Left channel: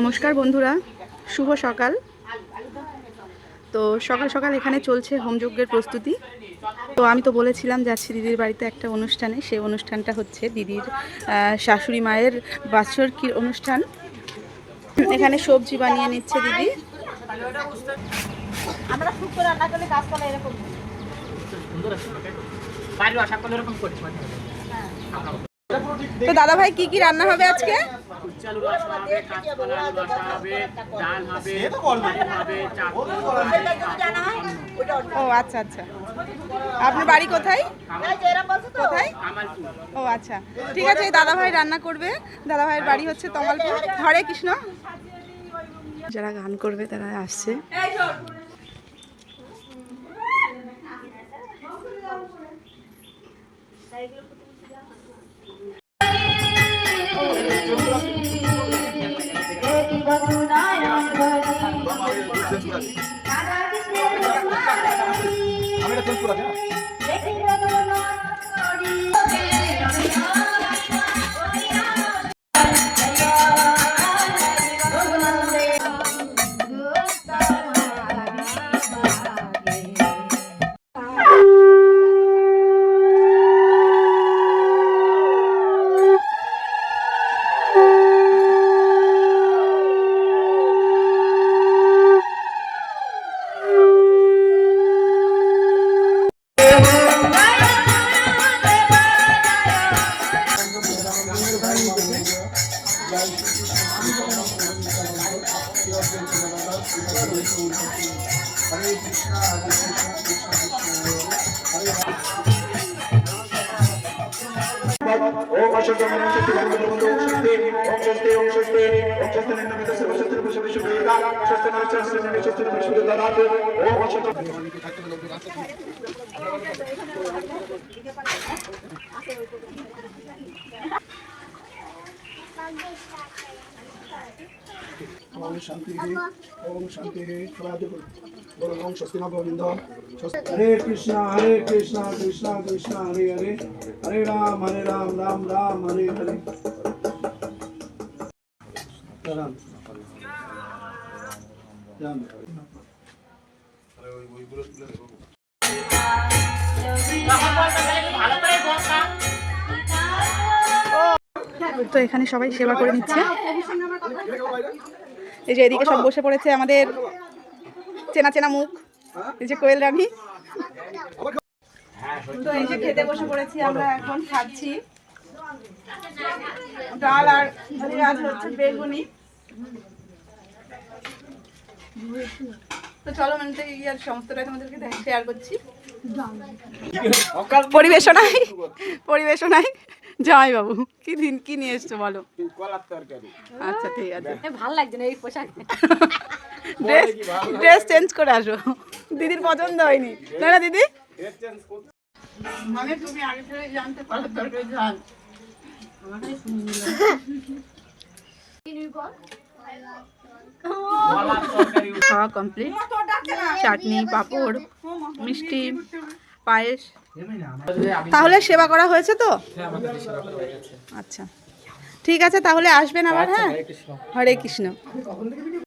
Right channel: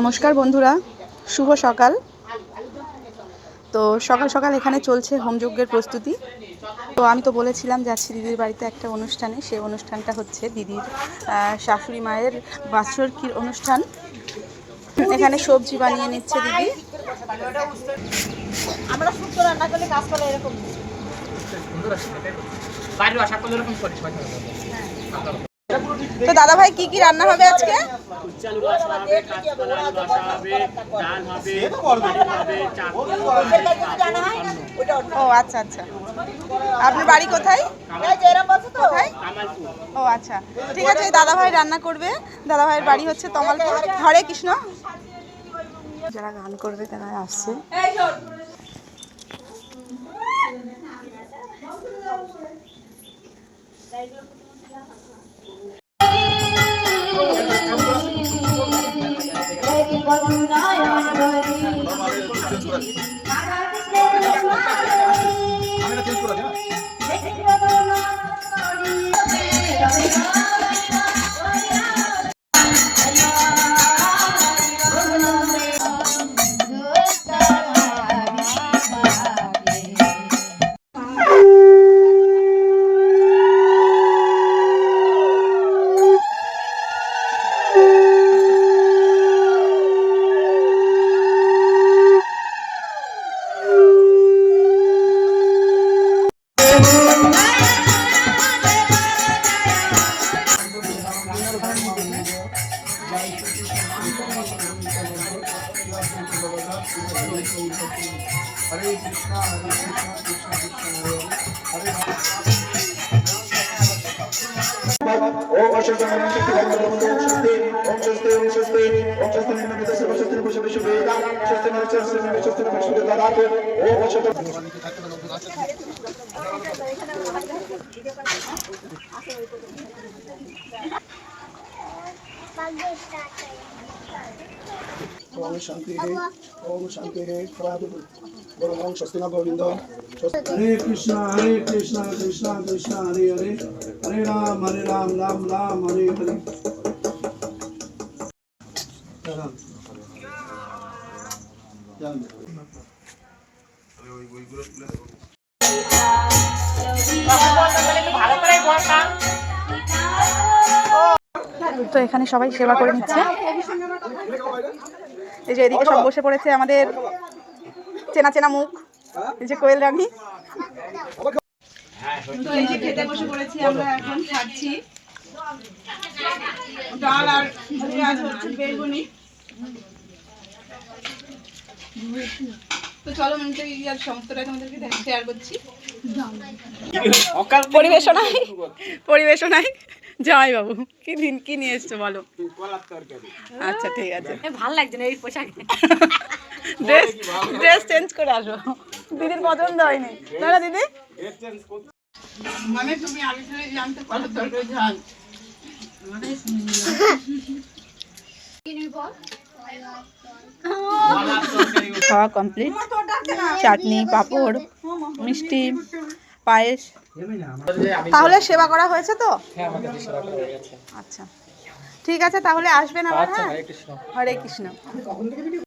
নমস্কার বন্ধুরা, শুভ সকাল। তো সকাল সকাল এখানে চলছে হোমযজ্ঞের প্রস্তুতি। তো আমি তো বলেছিলাম যাচ্ছি দিদির বাড়িতে একটা অনুষ্ঠানে। সেই অনুষ্ঠানটা হচ্ছে দিদির শাশুড়ি মায়ের বাৎসরিক অনুষ্ঠান। এখানে সবজি বানিয়ে নিচ্ছে দিদি। তো দাদা ভাই কি কি রান্না হবে আজকে? ও আচ্ছা আচ্ছা, আপনার বাড়ি কোথায়? ও আচ্ছা, ঠিক আছে। দাদা ভাই রান্না করবে। দাদা ভাইয়ের বাড়ি হচ্ছে তমালপুর। হরে কৃষ্ণ। যারা গান করবে তারা আসছে। हरे कृष्णा कृष्णा कृष्णा हरे ओम अशोक नमः शक्ति ओम शक्ति ओम शक्ति ओम शक्ति ओम शक्ति नमः सर्व शक्ति पुरुष विश्व वेदा शक्ति नमः शक्ति नमः शक्ति विश्व वेदा ओम अशोक ओम शांति है बोलो ओम स्वस्ति न गोविंद हरे कृष्णा कृष्णा कृष्णा हरे हरे हरे राम राम राम हरे हरे राम राम তো এখানে সবাই সেবা করে নিচ্ছে। এই যে এদিকে সব বসে পড়েছে আমাদের চেনা চেনা মুখ, এই যে কোয়েল রানী। তো এই যে খেতে বসে পড়েছি আমরা, এখন খাচ্ছি ডাল আর বেগুনি। তো চলো মানে ইয়ার সমস্তটা তোমাদেরকে শেয়ার করছি। পরিবেশনায় যাই বাবু, কি দিন কি নিয়ে এসছো বলো? আচ্ছা ঠিক আছে, ভালো লাগছে না এই পোশাকে। ড্রেস চেঞ্জ করে আসো, দিদির পছন্দ হয়নি তাই না দিদি? মানে তুমি আগে থেকে জানতে পারো তরকারি ঝাল। খাওয়া কমপ্লিট। চাটনি, পাঁপড়, মিষ্টি, পায়েস। তাহলে সেবা করা হয়েছে তো? আচ্ছা ঠিক আছে, তাহলে আসবেন আবার। হ্যাঁ, হরে কৃষ্ণ।